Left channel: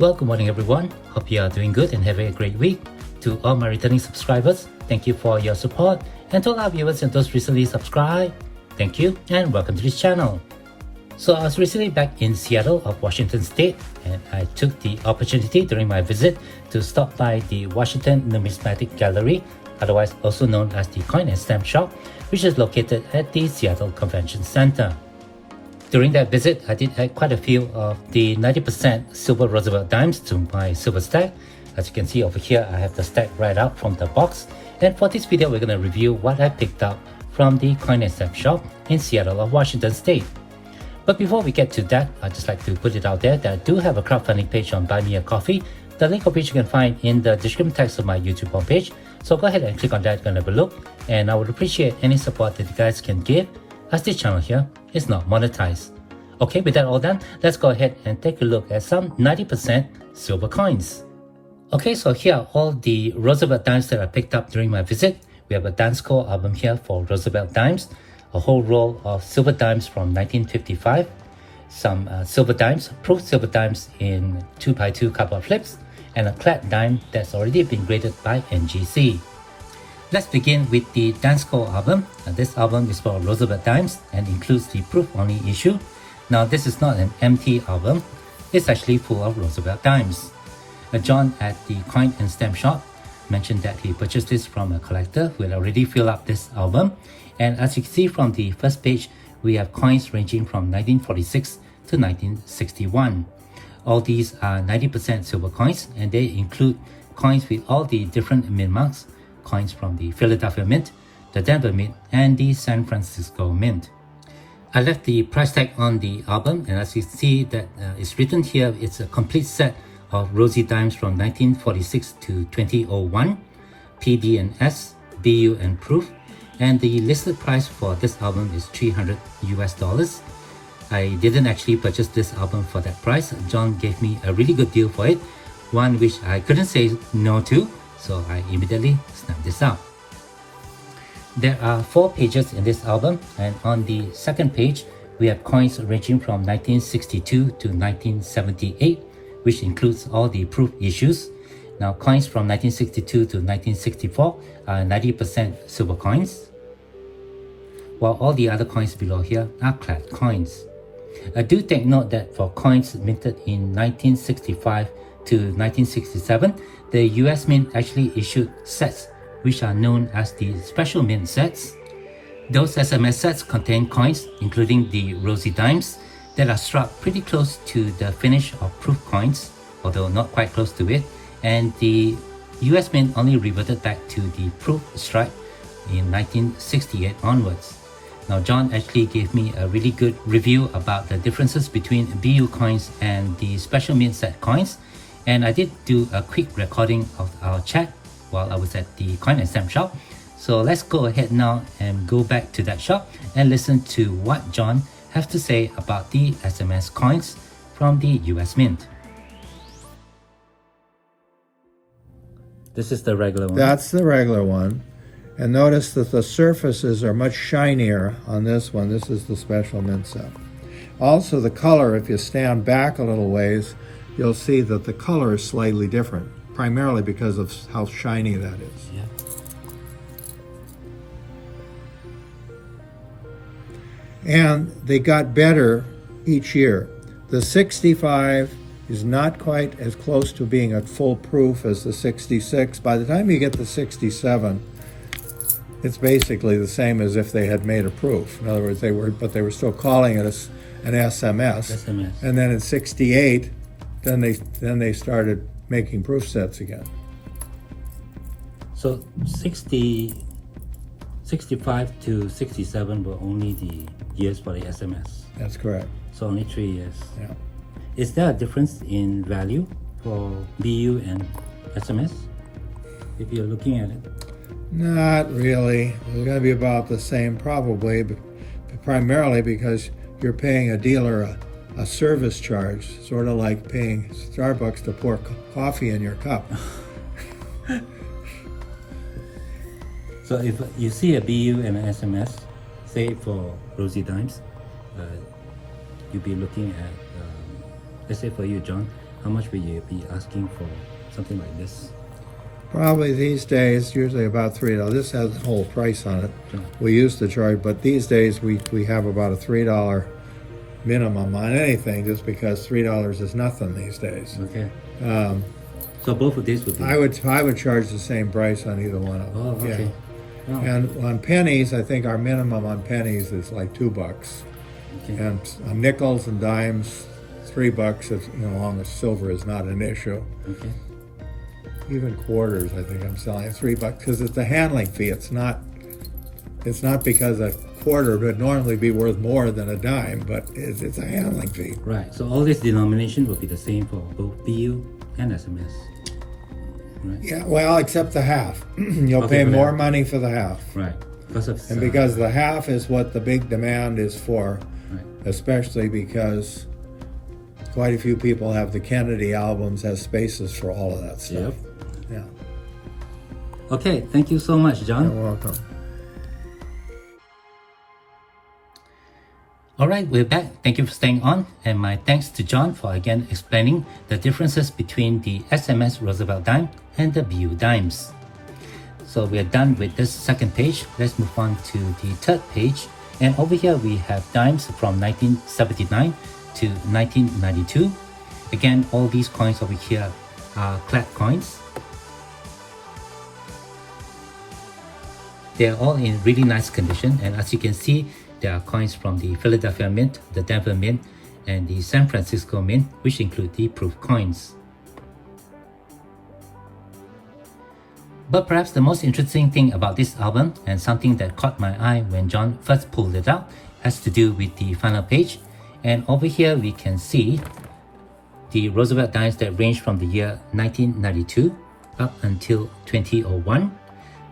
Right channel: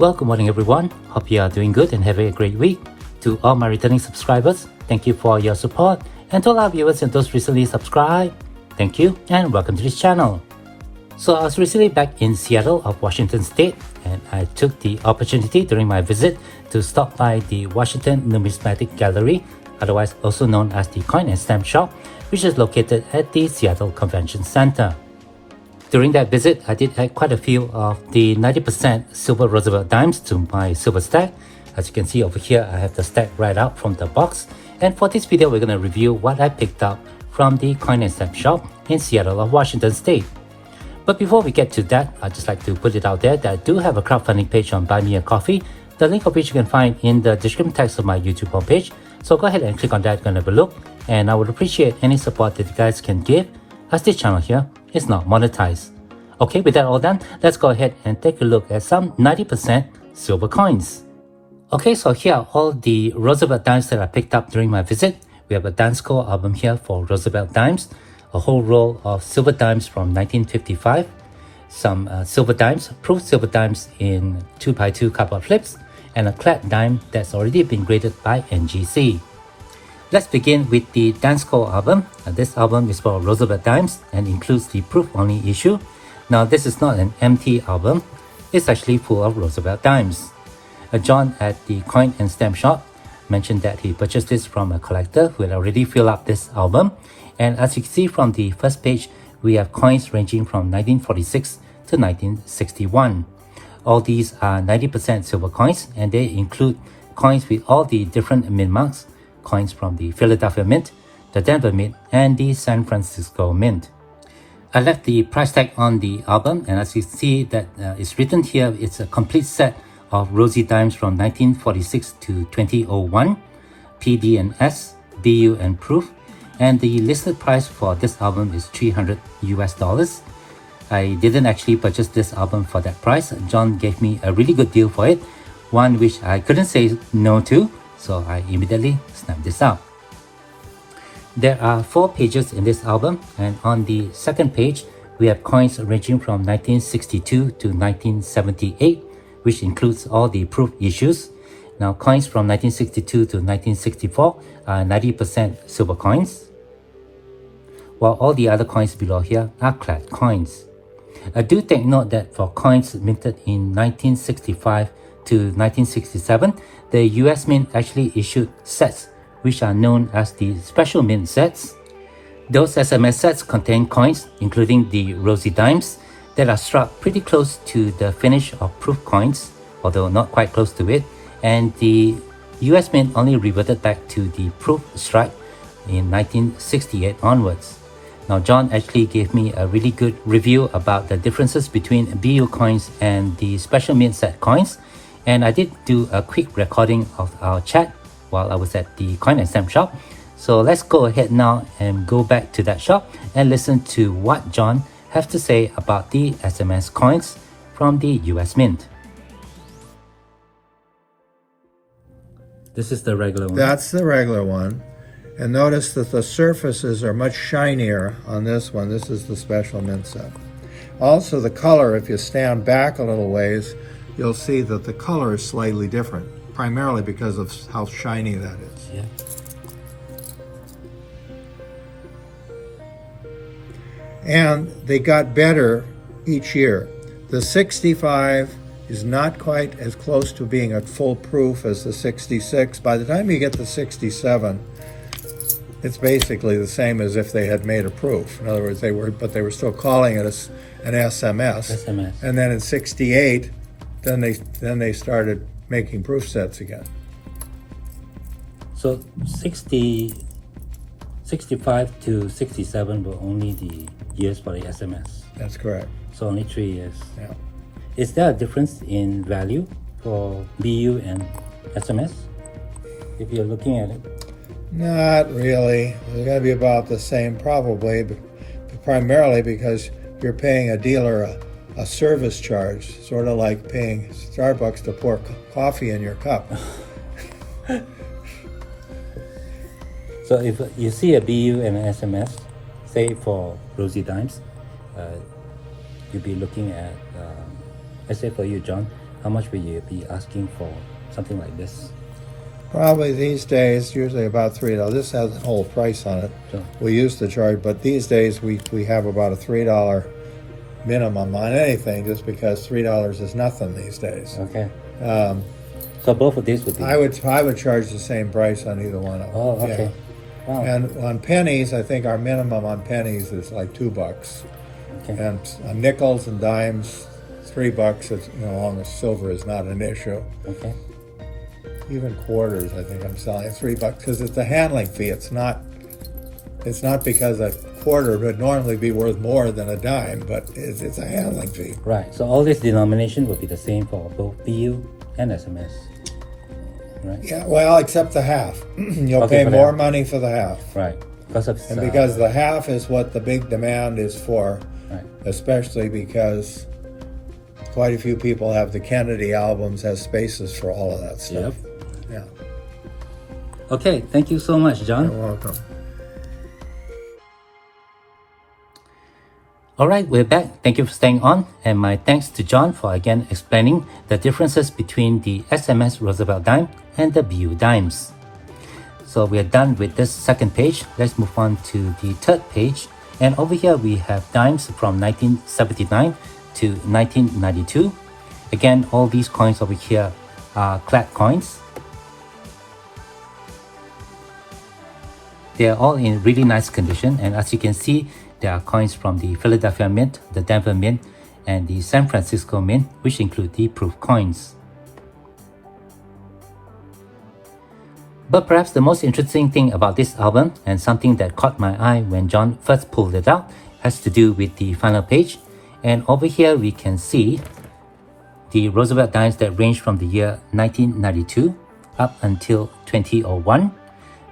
Well, good morning everyone. Hope you are doing good and having a great week. To all my returning subscribers, thank you for your support. And to all our viewers and those recently subscribed, thank you and welcome to this channel. So I was recently back in Seattle of Washington State, and I took the opportunity during my visit to stop by the Washington Numismatic Gallery, otherwise also known as the Coin and Stamp Shop, which is located at the Seattle Convention Center. During that visit, I did add quite a few of the 90% silver Roosevelt dimes to my silver stack. As you can see over here, I have the stack right out from the box. And for this video, we're going to review what I picked up from the Coin and Stamp Shop in Seattle of Washington State. But before we get to that, I'd just like to put it out there that I do have a crowdfunding page on Buy Me a Coffee, the link of which you can find in the description text of my YouTube homepage. So go ahead and click on that and have a look. And I would appreciate any support that you guys can give, as this channel here is not monetized. Okay, with that all done, let's go ahead and take a look at some 90% silver coins. Okay, so here are all the Roosevelt dimes that I picked up during my visit. We have a Dansco album here for Roosevelt dimes, a whole roll of silver dimes from 1955, some silver dimes, proof silver dimes in 2x2 cardboard flips, and a clad dime that's already been graded by NGC. Let's begin with the Dansco album. This album is for Roosevelt dimes and includes the proof-only issue. Now this is not an empty album, it's actually full of Roosevelt dimes. John at the Coin and Stamp Shop mentioned that he purchased this from a collector who had already filled up this album. And as you can see from the first page, we have coins ranging from 1946 to 1961. All these are 90% silver coins, and they include coins with all the different mint marks, coins from the Philadelphia Mint, the Denver Mint, and the San Francisco Mint. I left the price tag on the album, and as you see that it's written here, it's a complete set of Rosie dimes from 1946 to 2001, PD and S, BU and proof, and the listed price for this album is $300 US. I didn't actually purchase this album for that price. John gave me a really good deal for it, one which I couldn't say no to, so I immediately snapped this up. There are 4 pages in this album, and on the second page, we have coins ranging from 1962 to 1978, which includes all the proof issues. Now, coins from 1962 to 1964 are 90% silver coins, while all the other coins below here are clad coins. Do take note that for coins minted in 1965 to 1967, the US Mint actually issued sets which are known as the Special Mint sets. Those SMS sets contain coins, including the Rosie dimes, that are struck pretty close to the finish of proof coins, although not quite close to it, and the US Mint only reverted back to the proof stripe in 1968 onwards. Now, John actually gave me a really good review about the differences between BU coins and the Special Mint set coins, and I did do a quick recording of our chat while I was at the Coin and Stamp Shop. So let's go ahead now and go back to that shop and listen to what John has to say about the SMS coins from the US Mint. This is the regular one. That's the regular one. And notice that the surfaces are much shinier on this one. This is the Special Mint set. Also the color, if you stand back a little ways, you'll see that the color is slightly different, primarily because of how shiny that is. Yeah. And they got better each year. The 65 is not quite as close to being at full proof as the 66. By the time you get the 67, it's basically the same as if they had made a proof. In other words, they were still calling it an SMS. And then in 68, then they started making proof sets again. So 65 to 67 were only the years for the SMS. That's correct. So only 3 years. Yeah. Is there a difference in value for BU and SMS if you're looking at it? Not really. It's going to be about the same probably, but primarily because you're paying a dealer a service charge, sort of like paying Starbucks to pour coffee in your cup. So if you see a BU and an SMS, say for Rosie dimes, you'll be looking at, let's say for you, John, how much will you be asking for something like this? Probably these days, usually about $3. This has a whole price on it. Sure. We used to charge, but these days we have about a $3 minimum on anything, just because $3 is nothing these days. Okay. So both of these would be... I would charge the same price on either one of them. Oh, okay. Yeah. Wow. And on pennies, I think our minimum on pennies is like $2. Okay. And on nickels and dimes, $3. As long as silver is not an issue. Okay. Even quarters, I think I'm selling at $3 because it's a handling fee. It's not because a quarter would normally be worth more than a dime, but it's a handling fee. Right. So all this denomination will be the same for both BU and SMS. Right. Yeah, well, except the half. You'll Okay, pay for the more half. money for the half. Right. Because of And because the half is what the big demand is for, right. especially because quite a few people have the Kennedy albums, has spaces for all of that stuff. Yep. Yeah. Okay. Thank you so much, John. You're welcome. Alright, we're back. Thank you for staying on, and my thanks to John for again explaining the differences between the SMS Roosevelt dime and the BU dimes. So we're done with this second page. Let's move on to the third page. And over here we have dimes from 1979 to 1992. Again, all these coins over here are clad coins. They're all in really nice condition, and as you can see, there are coins from the Philadelphia Mint, the Denver Mint, and the San Francisco Mint, which include the proof coins. But perhaps the most interesting thing about this album, and something that caught my eye when John first pulled it out, has to do with the final page. And over here we can see the Roosevelt dimes that range from the year 1992 up until 2001.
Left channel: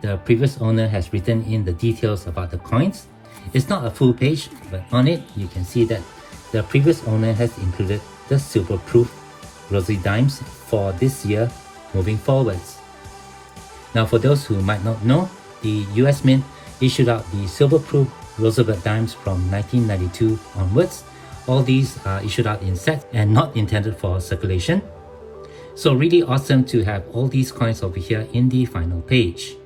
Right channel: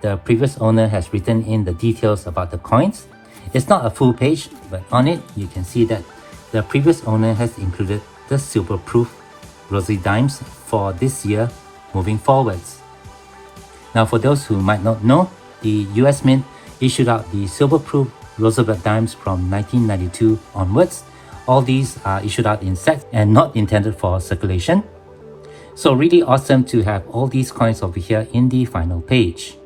The previous owner has written in the details about the coins. It's not a full page, but on it you can see that the previous owner has included the silver-proof Roosevelt dimes for this year moving forwards. Now for those who might not know, the US Mint issued out the silver-proof Roosevelt dimes from 1992 onwards. All these are issued out in sets and not intended for circulation. So really awesome to have all these coins over here in the final page.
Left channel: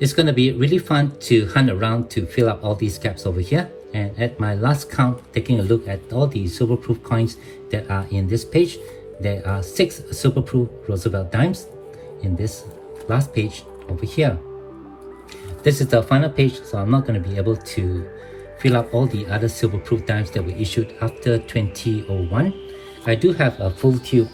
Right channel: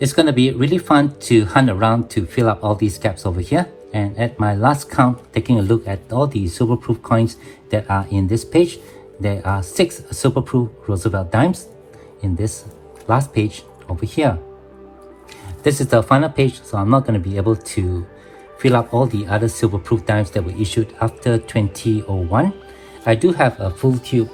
It's going to be really fun to hunt around to fill up all these gaps over here. And at my last count, taking a look at all the silver-proof coins that are in this page, there are 6 silver-proof Roosevelt dimes in this last page over here. This is the final page, so I'm not going to be able to fill up all the other silver-proof dimes that were issued after 2001. I do have a full tube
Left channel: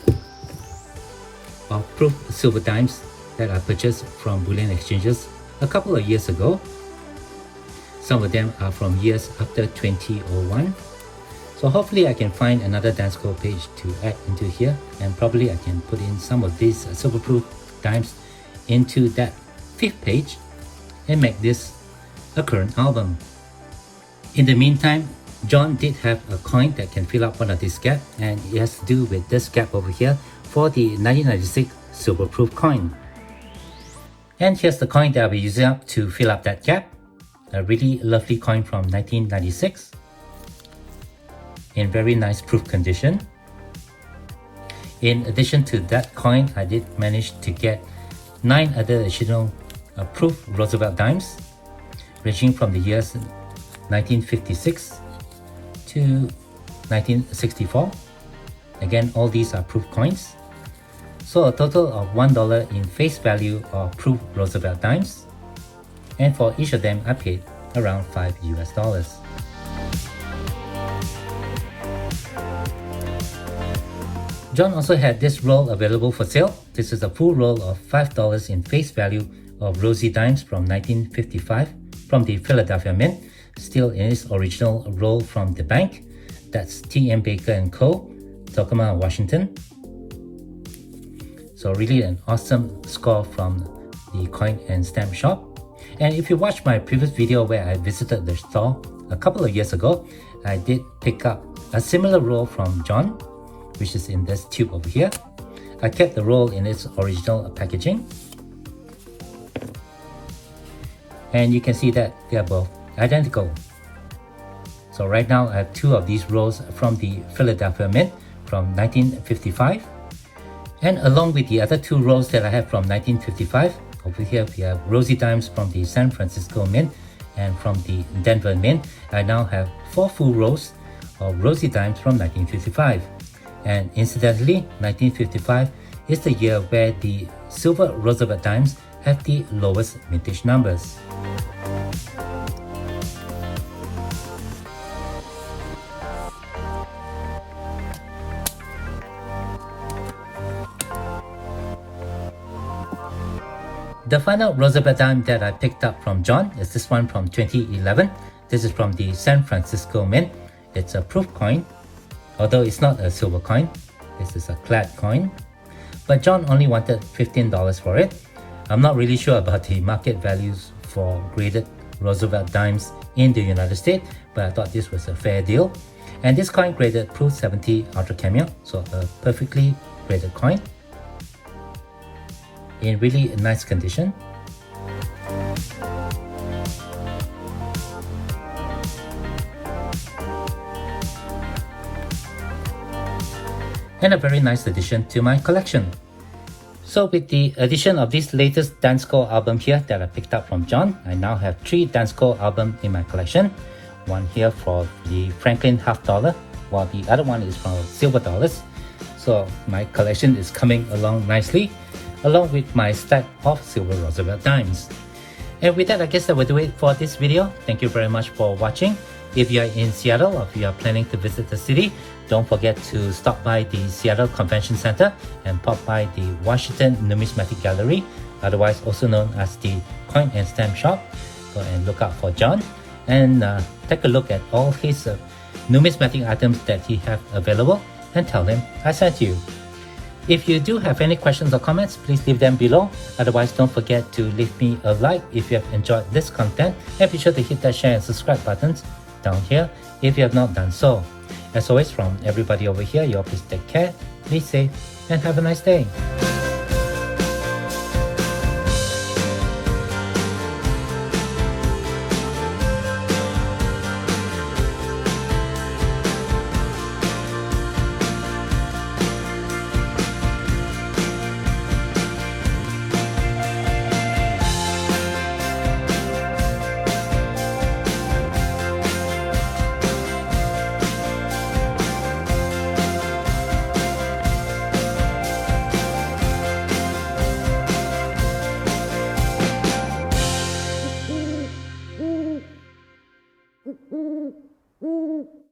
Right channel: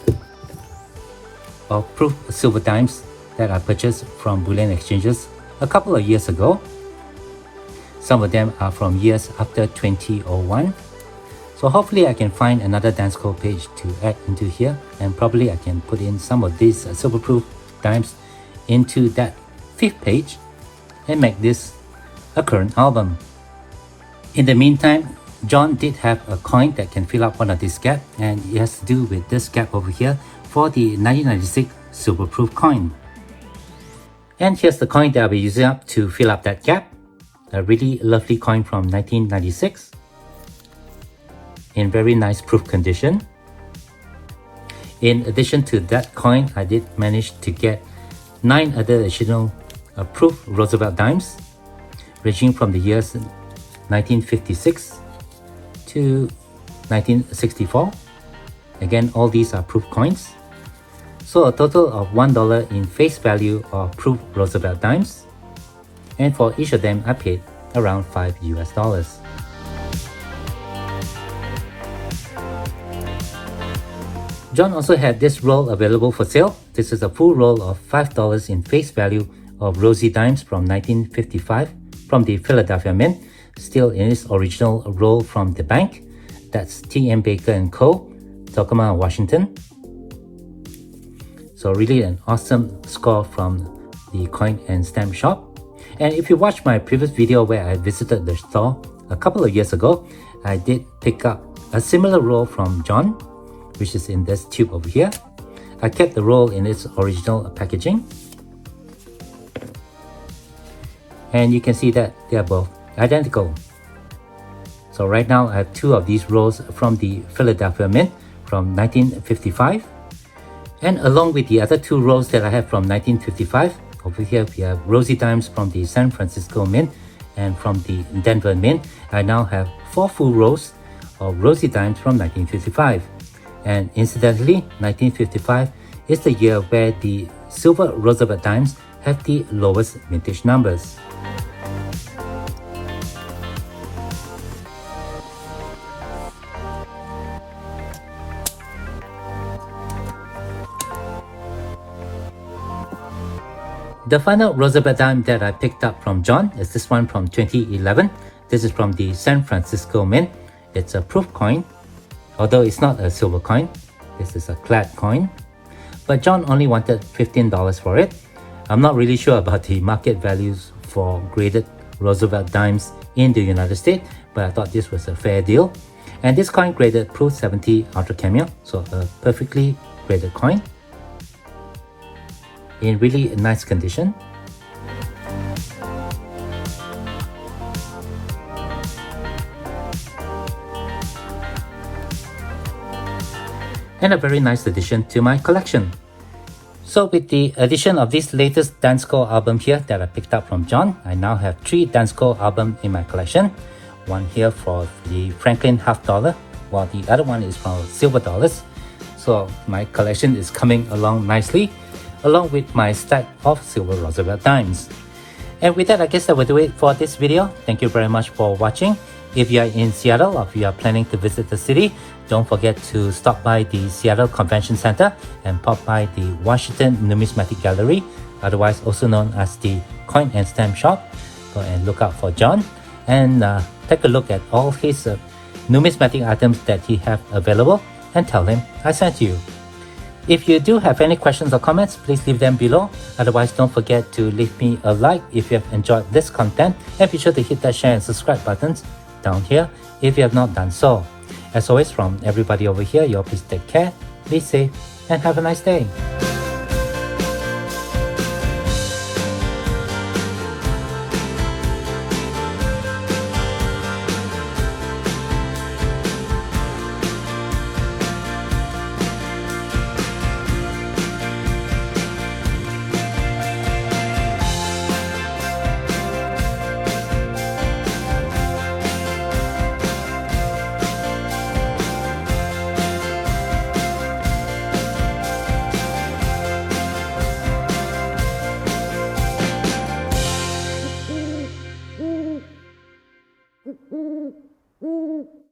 of proof silver dimes that I purchased from bullion exchanges a couple of years ago. Some of them are from years after 2001. So hopefully I can find another Dansco page to add into here, and probably I can put in some of these silver-proof dimes into that 5th page and make this a current album. In the meantime, John did have a coin that can fill up one of these gaps, and it has to do with this gap over here for the 1996 silver-proof coin. And here's the coin that I'll be using up to fill up that gap. A really lovely coin from 1996 in very nice proof condition. In addition to that coin, I did manage to get 9 other additional proof Roosevelt dimes ranging from the years 1956 to 1964. Again, all these are proof coins. So a total of $1 in face value of proof Roosevelt dimes, and for each of them I paid around $5 US. John also had this roll available for sale. This is a full roll of $5 in face value of Rosie dimes from 1955 from the Philadelphia Mint, still in its original roll from the bank. That's T.M. Baker & Co., Tacoma, Washington. So really an awesome score from the coin and stamp shop. And if you watched my previous video where I visited the store a couple of years ago, I did pick up a similar roll from John, which is in this tube over here. I kept the roll in its original packaging. And you can see that they are both identical. So right now I have 2 of these rolls from the Philadelphia Mint from 1955, And along with the other 2 rolls that I have from 1955, over here we have rosy dimes from the San Francisco Mint and from the Denver Mint. I now have 4 full rolls of rosy dimes from 1955. And incidentally, 1955 is the year where the silver Roosevelt dimes have the lowest vintage numbers. The final Roosevelt dime that I picked up from John is this one from 2011. This is from the San Francisco Mint. It's a proof coin, although it's not a silver coin. This is a clad coin. But John only wanted $15 for it. I'm not really sure about the market values for graded Roosevelt dimes in the United States, but I thought this was a fair deal. And this coin graded Proof 70 Ultra Cameo, so a perfectly graded coin in really nice condition. And a very nice addition to my collection. So with the addition of this latest Dansco album here that I picked up from John, I now have 3 Dansco albums in my collection. One here for the Franklin half dollar, while the other one is for silver dollars. So my collection is coming along nicely, along with my stack of silver Roosevelt dimes. And with that, I guess that will do it for this video. Thank you very much for watching. If you are in Seattle or if you are planning to visit the city, don't forget to stop by the Seattle Convention Center and pop by the Washington Numismatic Gallery, otherwise also known as the Coin and Stamp Shop. Go and look out for John and take a look at all his numismatic items that he have available and tell him I sent you. If you do have any questions or comments, please leave them below. Otherwise, don't forget to leave me a like if you have enjoyed this content, and be sure to hit that share and subscribe buttons down here if you have not done so. As always, from everybody over here, you all please take care, be safe, and have a nice day. Mm-hmm.